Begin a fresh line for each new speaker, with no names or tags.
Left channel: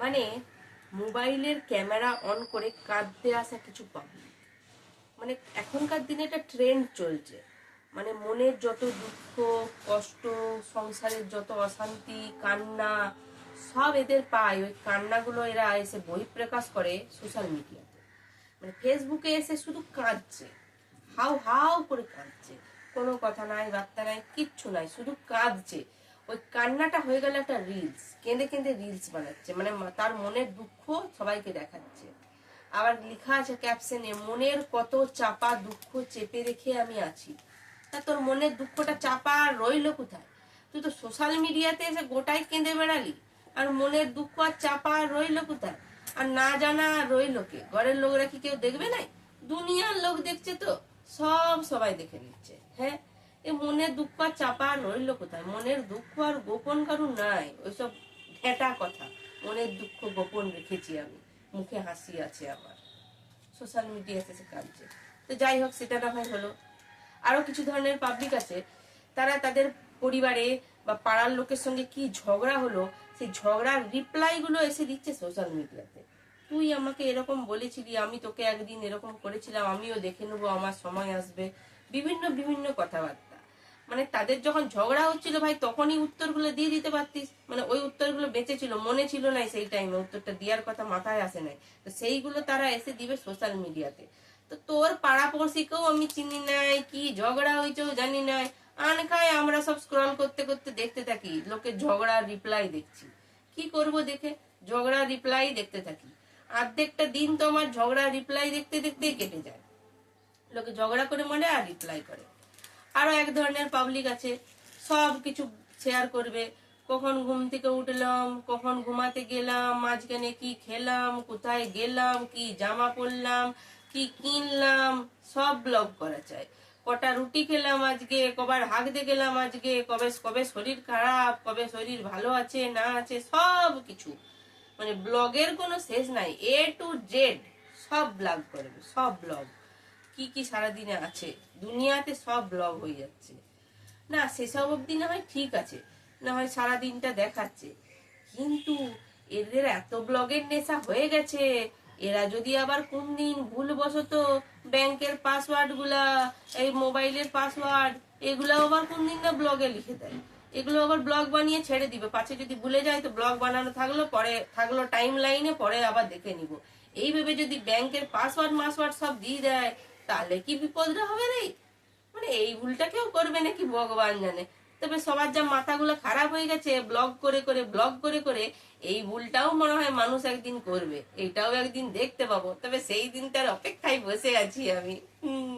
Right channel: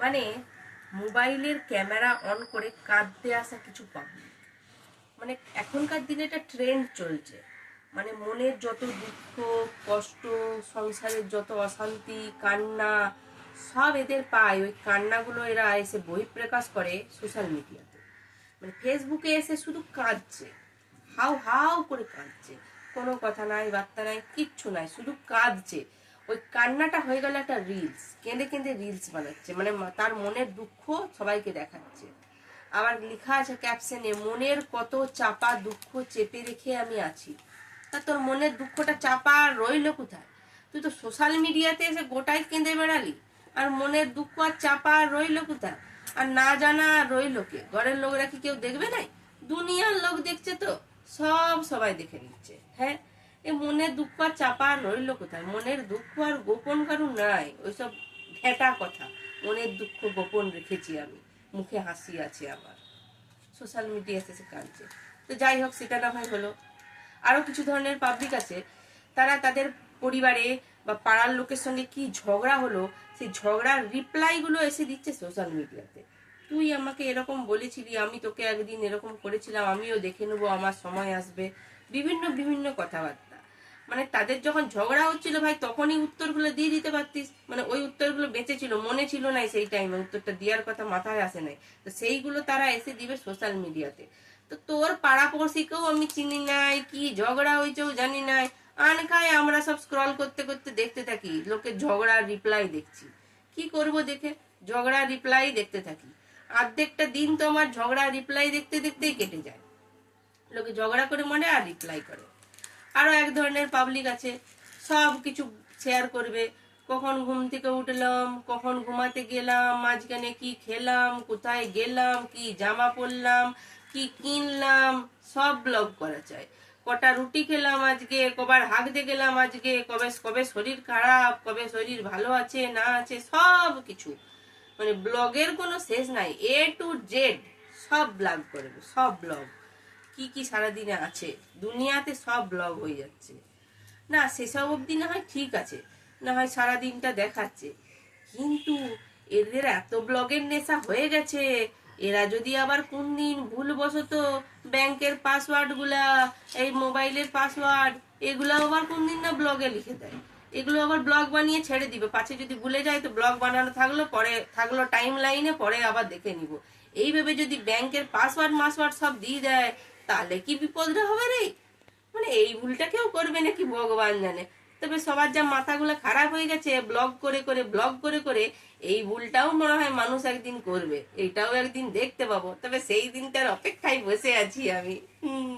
মানে মোবাইলের camera on করে কাঁদতে আসা কিছু পাবলিক মানে এখনকার দিনে একটা ট্রেন্ড চলছে। মানে মনের যত দুঃখ, কষ্ট, সংসারের যত অশান্তি, কান্না, সব এদের পায়। ওই কান্নাগুলো এরা এসে বহিঃপ্রকাশ করে সোশ্যাল মিডিয়াতে মানে ফেসবুকে এসে শুধু কাঁদছে। হাউ হাউ করে কাঁদছে। কোনো কথা নাই, বার্তা নাই, কিচ্ছু নাই, শুধু কাঁদছে। ওই কান্নাটা হয়ে গেল একটা রিলস কেঁদে কেঁদে রিলস বানাচ্ছে মানে তার মনের দুঃখ সবাইকে দেখাচ্ছে। আবার লেখা আছে ক্যাপশনে মনের কত চাপা দুঃখ চেপে রেখে আমি আছি। তা তোর মনের দুঃখটা চাপা আর রইল কোথায়? তুই তো সোশ্যাল মিডিয়াতে এসে গোটাই কেঁদে বেড়ালি। আর মনের দুঃখ আর চাপা আর রইল কোথায়? আর না জানা রইল কে? ঘরের লোকরা কি কেউ দেখবে নাই? দুনিয়ার লোক দেখছে তো, সব সবাই দেখে নিচ্ছে হ্যাঁ? এ মনের দুঃখ আর চাপা রইল কোথায়? মনের দুঃখ আর গোপন কারু নাই। ওইসব ঘেটা কথা। মনের দুঃখ গোপন রেখেছি আমি। মুখে হাসি আছে আমার সোশ্যাল মিডিয়াতে সে কাঁদছে তো যাই হোক, সেটা না হয় হলো। আরও কিছু ধরনের পাবলিক আছে। তারা তাদের পরিবারে বা পাড়ার লোকের সঙ্গে কি ঝগড়া হলো, সেই ঝগড়ার রিপ্লাইগুলো এসে দিচ্ছে সোশ্যাল মিডিয়াতে তুই আমাকে এরকম বলেছিলি, আমি তোকে একদিন এরকম করেছিলাম, আমিও দেখে নেব, আমার সময় আসবে। বিভিন্ন বিভিন্ন কথাবার্তা। মানে তাদের যখন ঝগড়া হচ্ছিল ভাই, তখনই উত্তরগুলো দিয়ে দিতে পারতিস। মানে ওই উত্তরগুলো বেঁচে ছিল, মনে ছিল না সেই টাইমে উত্তরটা দেওয়ার কথা মাথায় আসে নাই। তো সেইগুলো তারা এসে দিবে সোশ্যাল মিডিয়াতে তো। তোর পাড়া পড়শিকেও আমি চিনি নাই, কি ঝগড়া হয়েছেও জানি নাই। আনখায় আমরা সব স্ক্রল করতে করতে দেখতে থাকি, লোকে ঝগড়ার রিপ্লাই দেখছি। কি করব দেখে? ঝগড়া রিপ্লাই দেখতে থাকি। অর্ধেকটা দিন তো আমার ঝগড়া রিপ্লাই দেখতে দেখতেই কেটে যায়। লোকে ঝগড়া করে মনে আর রিপ্লাই করে। আরও এক ধরনের পাবলিক আছে। সব কিছু শেয়ার করবে। কখন ঘুম থেকে উঠলাম, কখন ঘুমাতে গেলাম, মাঝখানে কি খেলাম, কোথায় গেলাম, কি জামা পরলাম, কি কিনলাম, সব ব্লগ করা চাই কটা রুটি খেলাম আজকে, কবার হাঁকতে গেলাম আজকে, কবে কবে শরীর খারাপ, কবে শরীর ভালো আছে, না আছে, সব কিছু। মানে ব্লগের কোনো শেষ নাই এ টু জেড সব ব্লগ করবে, সব ব্লগ কি কি সারাদিনে আছে? দুনিয়াতে সব ব্লগ হয়ে যাচ্ছে। না, সেসব অবধি না হয় ঠিক আছে, না হয় সারাদিনটা দেখাচ্ছে। কিন্তু এদের এত ব্লগের নেশা হয়ে গেছে, এরা যদি আবার কোন দিন ভুলবশত ব্যাংকের পাসওয়ার্ডগুলা, এই মোবাইলের পাসওয়ার্ড এগুলো আবার কোন দিন না ব্লগে লিখে দেয়। এগুলো আবার ব্লগ বানিয়ে ছেড়ে দিবে। পাছে যদি ভুলে যায় তো ব্লগ বানানো থাকল, পরে থাকল টাইম লাইনে পরে আবার দেখে নিব। এইভাবে যদি ব্যাংকের পাসওয়ার্ড মাসওয়ার্ড সব দিয়ে দেয় তাহলে কি বিপদটা হবে রে? মানে এই ভুলটা কেউ করবে নাকি ভগবান জানে? তবে সবার যা মাথাগুলো খারাপ হয়ে গেছে ব্লগ করে করে ব্লগ করে করে, এই ভুলটাও মনে হয় মানুষ একদিন করবে। এইটাও একদিন দেখতে পাবো। তবে সেই দিনটার অপেক্ষায় বসে আছি আমি। হুম।